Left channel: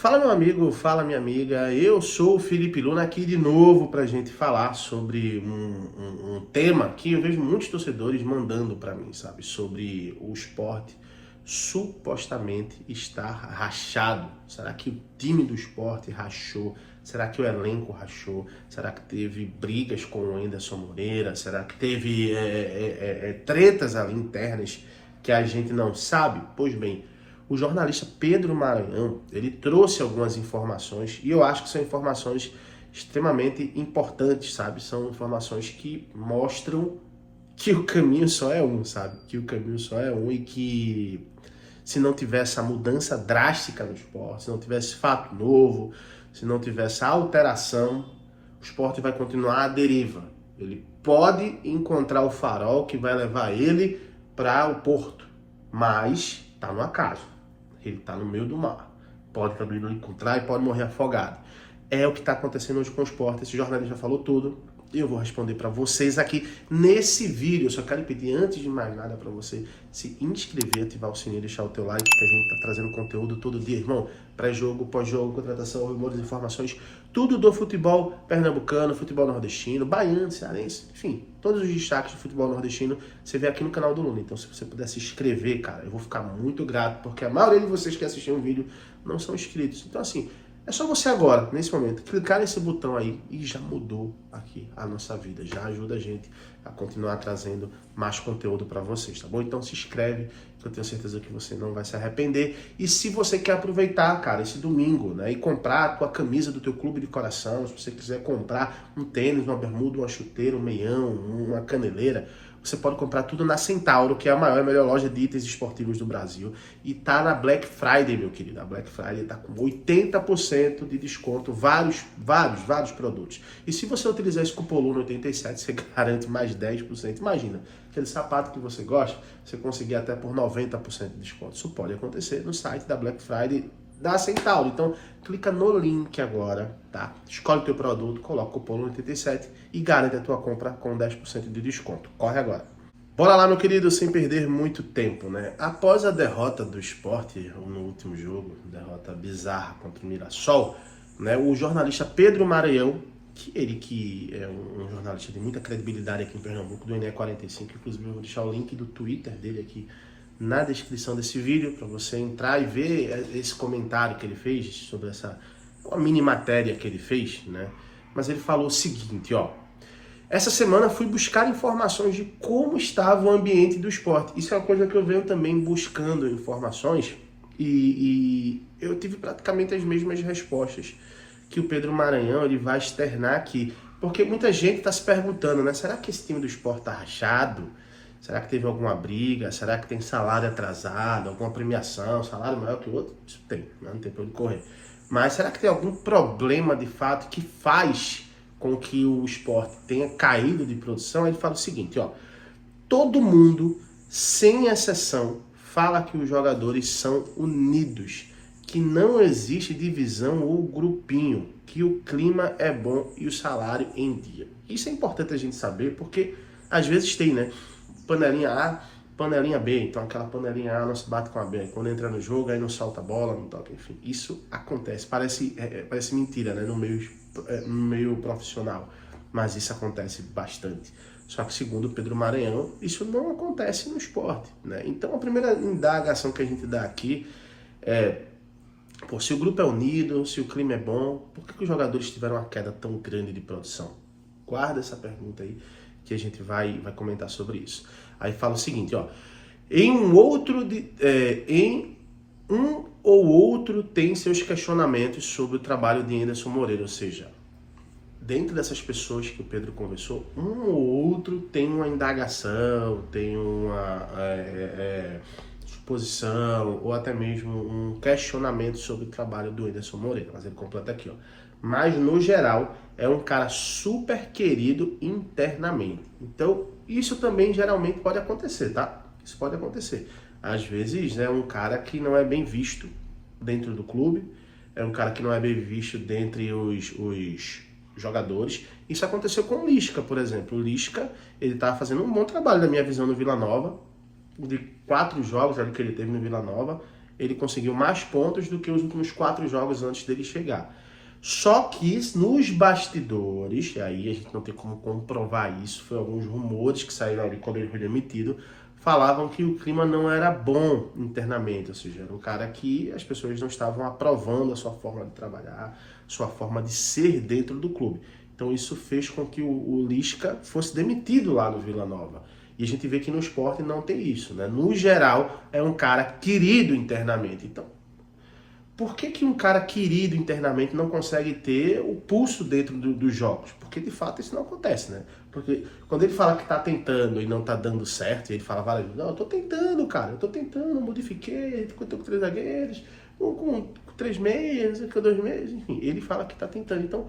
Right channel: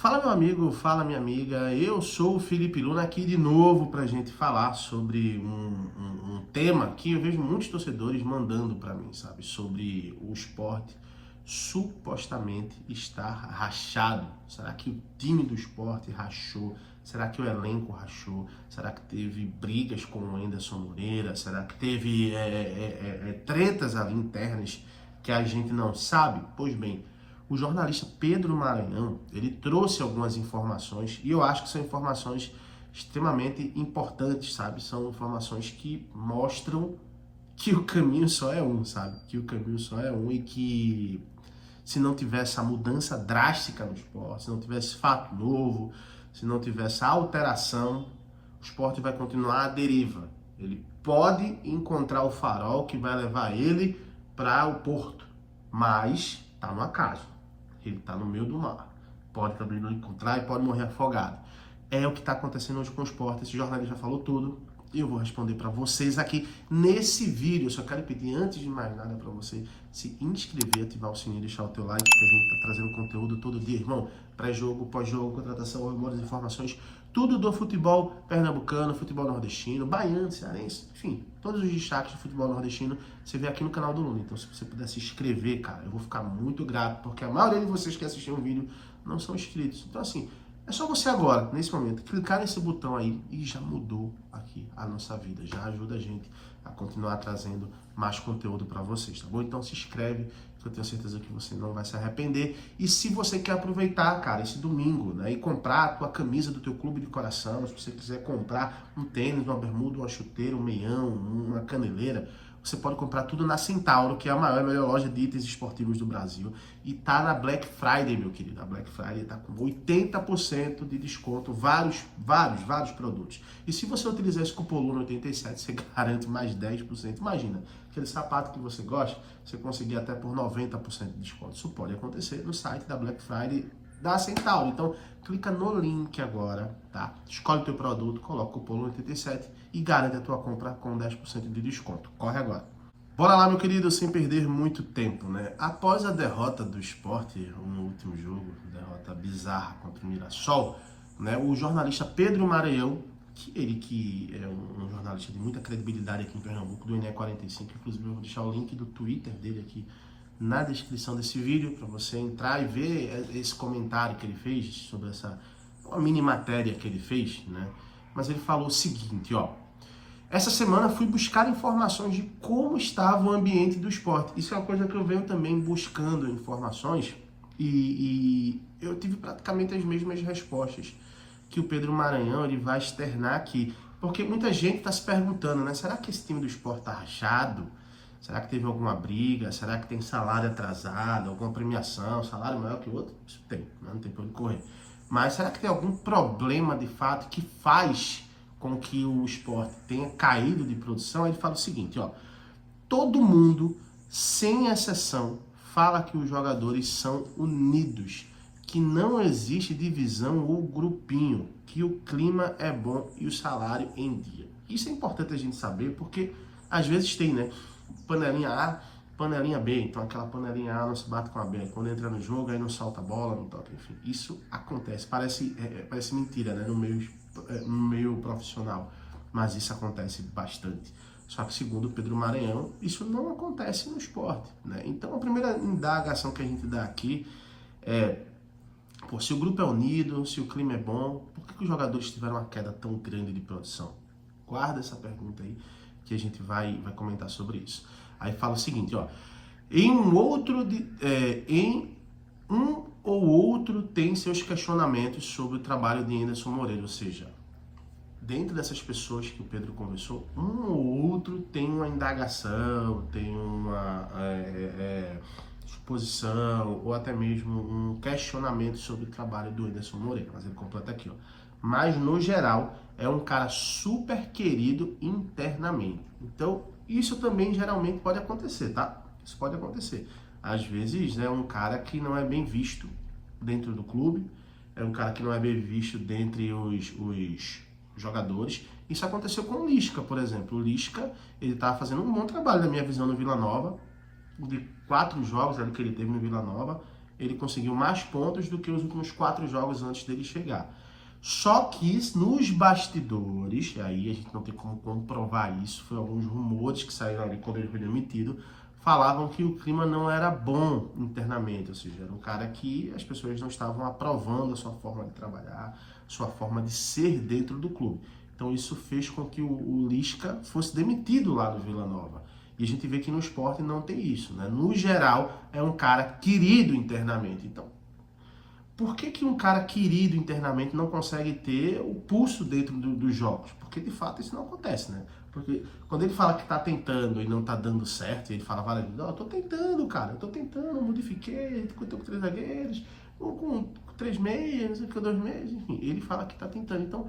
Fala meu amigo, fala minha amiga, eu sou o Felipe Luna aqui de novo para a gente falar sobre um tema que eu vejo muitos torcedores mandando para mim, sabe? Sobre o Sport supostamente estar rachado. Será que o time do Sport rachou? Será que o elenco rachou? Será que teve brigas com o Anderson Moreira? Será que teve tretas ali internas que a gente não sabe? Pois bem, o jornalista Pedro Maranhão, ele trouxe algumas informações e eu acho que são informações extremamente importantes, sabe? São informações que mostram que o caminho só é um, sabe? Que o caminho só é um e que se não tivesse essa mudança drástica no esporte, se não tivesse fato novo, se não tivesse alteração, o esporte vai continuar à deriva. Ele pode encontrar o farol que vai levar ele para o porto, mas está no acaso. Ele está no meio do mar. Pode também não encontrar e pode morrer afogado. É o que está acontecendo hoje com o esporte. Esse jornalista falou tudo. E eu vou responder para vocês aqui nesse vídeo. Eu só quero pedir, antes de mais nada, para você se inscrever, ativar o sininho, deixar o teu like, que a gente tá trazendo conteúdo todo dia, irmão. Pré-jogo, pós-jogo, contratação, rumores, informações, tudo do futebol pernambucano, futebol nordestino, baiano, cearense, enfim, todos os destaques do futebol nordestino você vê aqui no canal do Luna. Então, se você puder se inscrever, cara, eu vou ficar muito grato, porque a maioria de vocês que assistem o vídeo não são inscritos. Então, assim, é só você agora, nesse momento, clicar nesse botão aí e já mudou aqui a nossa vida. Já ajuda a gente a continuar trazendo mais conteúdo para vocês, tá bom? Então se inscreve, que eu tenho certeza que você não vai se arrepender. E se você quer aproveitar, cara, esse domingo, né, e comprar a tua camisa do teu clube de coração, se você quiser comprar um tênis, uma bermuda, uma chuteira, um meião, uma caneleira, você pode comprar tudo na Centauro, que é a maior e melhor loja de itens esportivos do Brasil. E tá na Black Friday, meu querido. A Black Friday tá com 80% de desconto, vários produtos. E se você utilizar esse cupom LUNA87, você garante mais 10%. Imagina, aquele sapato que você gosta, você conseguir até por 90% de desconto. Isso pode acontecer no site da Black Friday da Centauro. Então, clica no link agora, tá? Escolhe o teu produto, coloca o cupom 87 e garante a tua compra com 10% de desconto. Corre agora. Bora lá, meu querido, sem perder muito tempo, né? Após a derrota do Sport no último jogo, derrota bizarra contra o Mirassol, né? O jornalista Pedro Maranhão, que é um jornalista de muita credibilidade aqui em Pernambuco, do NE45, inclusive eu vou deixar o link do Twitter dele aqui na descrição desse vídeo, para você entrar e ver esse comentário que ele fez sobre uma mini matéria que ele fez, né? Mas ele falou o seguinte, ó: essa semana fui buscar informações de como estava o ambiente do esporte. Isso é uma coisa que eu venho também buscando informações e eu tive praticamente as mesmas respostas que o Pedro Maranhão ele vai externar aqui. Porque muita gente está se perguntando, né? Será que esse time do esporte está rachado? Será que teve alguma briga? Será que tem salário atrasado? Alguma premiação? Salário maior que o outro? Isso tem, não tem para onde correr. Mas será que tem algum problema de fato que faz com que o esporte tenha caído de produção? Aí ele fala o seguinte, ó: todo mundo, sem exceção, fala que os jogadores são unidos, que não existe divisão ou grupinho, que o clima é bom e o salário em dia. Isso é importante a gente saber, porque às vezes tem, né? Panelinha A, panelinha B, então aquela panelinha A não se bate com a B, quando entra no jogo aí não solta a bola, não toca, enfim, isso acontece, parece mentira, né, no meio profissional, mas isso acontece bastante. Só que segundo o Pedro Maranhão, isso não acontece no esporte, né? Então a primeira indagação que a gente dá aqui é: pô, se o grupo é unido, se o clima é bom, por que os jogadores tiveram uma queda tão grande de produção? Guarda essa pergunta aí, que a gente vai comentar sobre isso. Aí fala o seguinte, ó: em um ou outro tem seus questionamentos sobre o trabalho de Anderson Moreira, ou seja, dentro dessas pessoas que o Pedro conversou, um ou outro tem uma indagação, tem uma suposição, ou até mesmo um questionamento sobre o trabalho do Anderson Moreira. Mas ele completa aqui, ó: mas no geral é um cara super querido internamente. Então, isso também geralmente pode acontecer, tá? Isso pode acontecer. Às vezes é um cara que não é bem visto dentro do clube, é um cara que não é bem visto dentre os jogadores. Isso aconteceu com o Lisca, por exemplo. O Lisca, ele tá fazendo um bom trabalho, na minha visão, no Vila Nova. De 4 jogos ali que ele teve no Vila Nova, ele conseguiu mais pontos do que os últimos 4 jogos antes dele chegar. Só que nos bastidores, e aí a gente não tem como comprovar isso, foi alguns rumores que saíram ali quando ele foi demitido, falavam que o clima não era bom internamente, ou seja, era um cara que as pessoas não estavam aprovando a sua forma de trabalhar, sua forma de ser dentro do clube. Então isso fez com que o Lisca fosse demitido lá no Vila Nova. E a gente vê que no Sport não tem isso, né? No geral, é um cara querido internamente. Então, por que um cara querido internamente não consegue ter o pulso dentro dos jogos? Porque de fato isso não acontece, né? Porque quando ele fala que tá tentando e não tá dando certo, ele fala várias vezes, não, eu tô tentando, cara, eu tô tentando, modifiquei, tô com 3 zagueiros, com 3 meias, com 2 meias, enfim, ele fala que tá tentando. Então,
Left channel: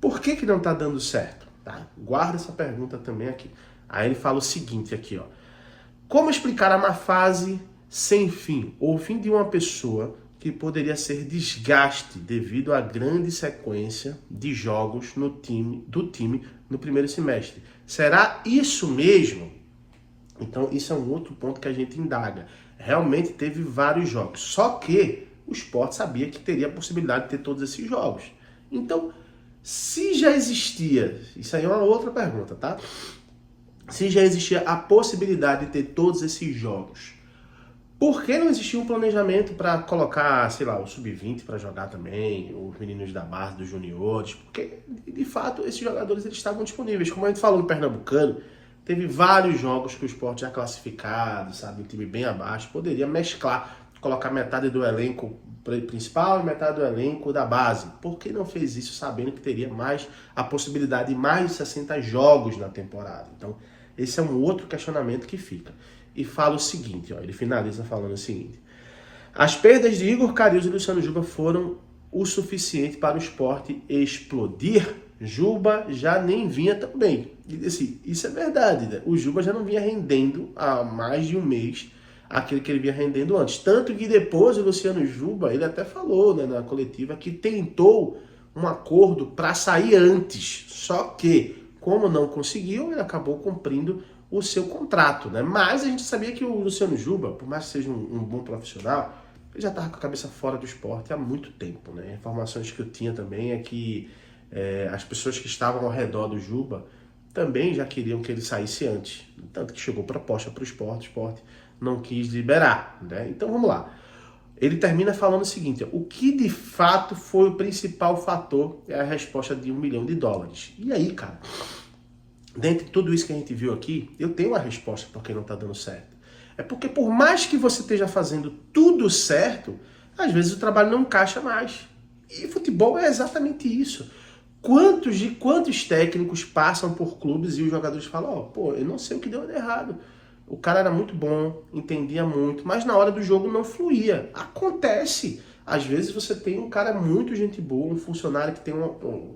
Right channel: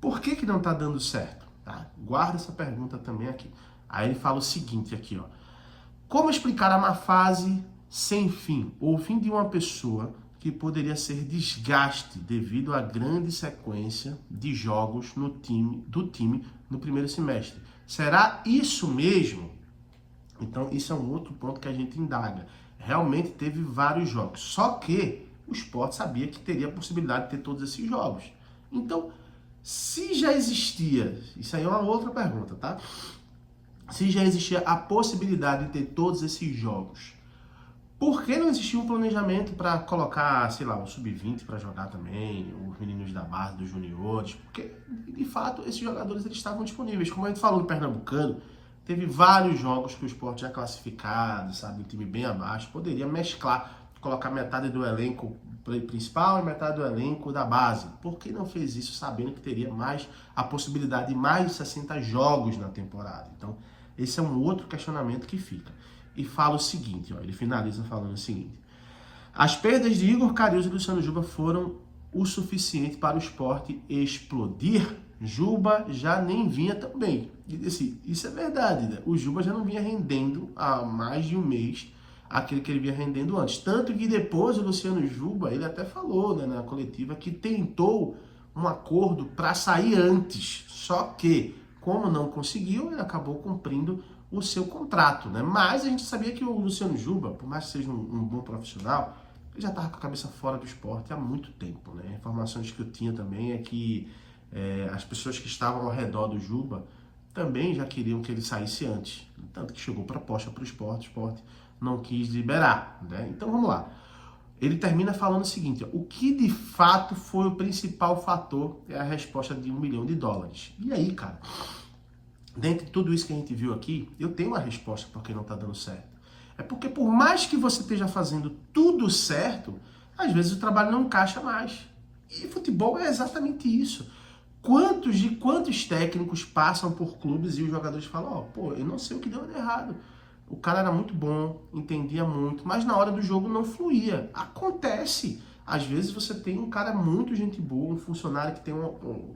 por que não tá dando certo? Tá? Guarda essa pergunta também aqui. Aí ele fala o seguinte aqui, ó. Como explicar a má fase sem fim? Ou fim de uma pessoa que poderia ser desgaste devido à grande sequência de jogos do time no primeiro semestre. Será isso mesmo? Então, isso é um outro ponto que a gente indaga. Realmente teve vários jogos, só que o Sport sabia que teria a possibilidade de ter todos esses jogos. Então, se já existia, isso aí é uma outra pergunta, tá? Se já existia a possibilidade de ter todos esses jogos, por que não existia um planejamento para colocar, sei lá, o sub-20 para jogar também, os meninos da base, dos juniores? Porque, de fato, esses jogadores eles estavam disponíveis. Como a gente falou no Pernambucano, teve vários jogos que o Sport já classificado, sabe, um time bem abaixo, poderia mesclar, colocar metade do elenco principal e metade do elenco da base. Por que não fez isso sabendo que teria mais a possibilidade de mais de 60 jogos na temporada? Então, esse é um outro questionamento que fica. E fala o seguinte, ó, ele finaliza falando o seguinte: as perdas de Igor Cariuso e Luciano Juba foram o suficiente para o Sport explodir? Juba já nem vinha tão bem. E assim, isso é verdade, né? O Juba já não vinha rendendo há mais de um mês aquele que ele vinha rendendo antes. Tanto que depois o Luciano Juba, ele até falou, né, na coletiva que tentou um acordo para sair antes. Só que, como não conseguiu, ele acabou cumprindo o seu contrato, né? Mas a gente sabia que o Luciano Juba, por mais que seja um bom profissional, ele já estava com a cabeça fora do esporte há muito tempo, né? Informações que eu tinha também é que as pessoas que estavam ao redor do Juba também já queriam que ele saísse antes. Tanto que chegou proposta para o esporte não quis liberar, né? Então vamos lá. Ele termina falando o seguinte: ó, o que de fato foi o principal fator? É a resposta de $1 milhão. E aí, cara, dentre tudo isso que a gente viu aqui, eu tenho uma resposta porque não tá dando certo. É porque por mais que você esteja fazendo tudo certo, às vezes o trabalho não encaixa mais. E futebol é exatamente isso. Quantos técnicos passam por clubes e os jogadores falam, ó, pô, eu não sei o que deu errado. O cara era muito bom, entendia muito, mas na hora do jogo não fluía. Acontece. Às vezes você tem um cara muito gente boa, um funcionário que tem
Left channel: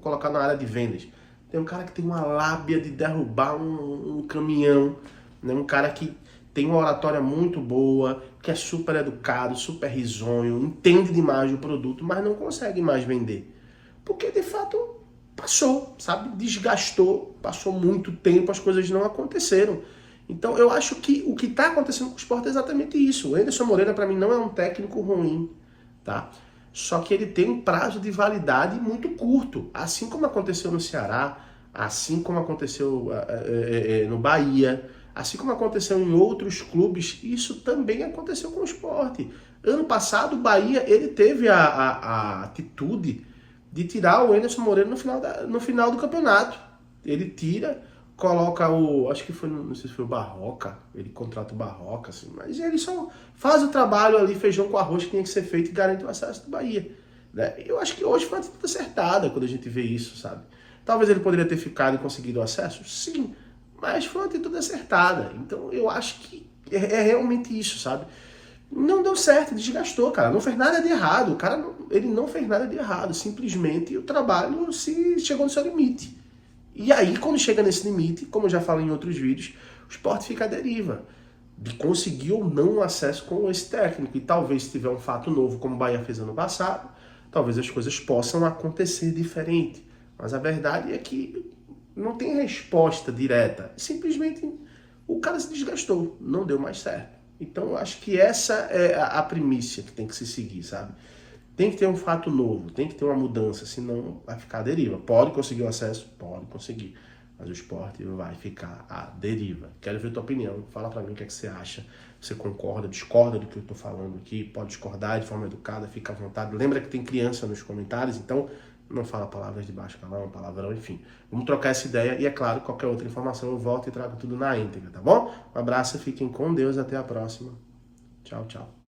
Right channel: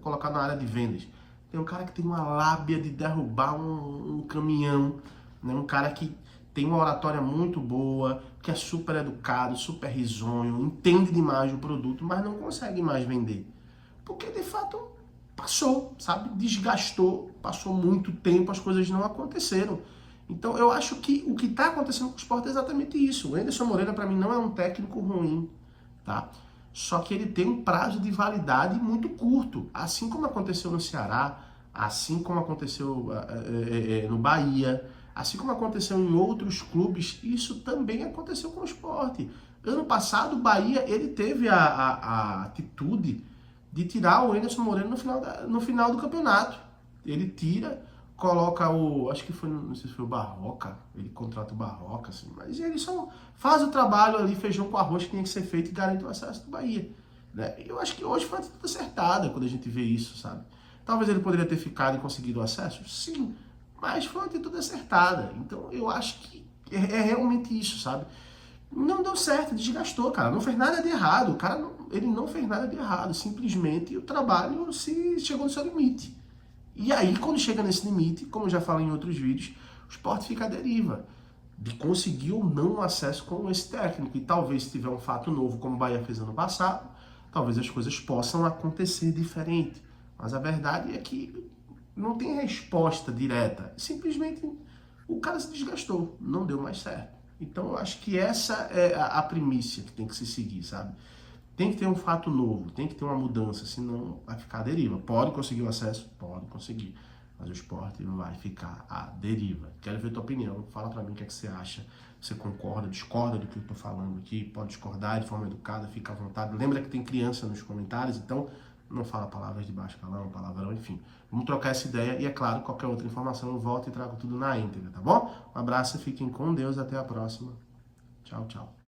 colocar na área de vendas. Tem um cara que tem uma lábia de derrubar um caminhão, né? Um cara que tem uma oratória muito boa, que é super educado, super risonho, entende demais do produto, mas não consegue mais vender. Porque, de fato, passou, sabe? Desgastou, passou muito tempo, as coisas não aconteceram. Então, eu acho que o que está acontecendo com o Sport é exatamente isso. O Anderson Moreira, para mim, não é um técnico ruim, tá? Só que ele tem um prazo de validade muito curto, assim como aconteceu no Ceará, assim como aconteceu no Bahia, assim como aconteceu em outros clubes, isso também aconteceu com o Sport. Ano passado, o Bahia ele teve a atitude de tirar o Anderson Moreira no final do campeonato. Ele tira, coloca acho que foi, não sei se foi o Barroca, ele contrata o Barroca, assim, mas ele só faz o trabalho ali, feijão com arroz que tinha que ser feito e garante o acesso do Bahia, né? Eu acho que hoje foi uma atitude acertada quando a gente vê isso, sabe? Talvez ele poderia ter ficado e conseguido o acesso, sim, mas foi uma atitude acertada. Então eu acho que é realmente isso, sabe? Não deu certo, desgastou, cara. Não fez nada de errado. O cara ele não fez nada de errado. Simplesmente o trabalho chegou no seu limite. E aí, quando chega nesse limite, como eu já falei em outros vídeos, o Sport fica à deriva de conseguir ou não um acesso com esse técnico. E talvez, se tiver um fato novo, como o Bahia fez ano passado, talvez as coisas possam acontecer diferente. Mas a verdade é que não tem resposta direta. Simplesmente o cara se desgastou. Não deu mais certo. Então, eu acho que essa é a primícia que tem que se seguir, sabe? Tem que ter um fato novo, tem que ter uma mudança, senão vai ficar à deriva. Pode conseguir o acesso? Pode conseguir. Mas o esporte vai ficar à deriva. Quero ver tua opinião. Fala pra mim o que é que você acha. Você concorda, discorda do que eu tô falando aqui? Pode discordar de forma educada, fica à vontade. Lembra que tem criança nos comentários, então não fala palavras de baixo calão, palavrão, enfim. Vamos trocar essa ideia e, é claro, qualquer outra informação eu volto e trago tudo na íntegra, tá bom? Um abraço, fiquem com Deus, até a próxima. Tchau, tchau.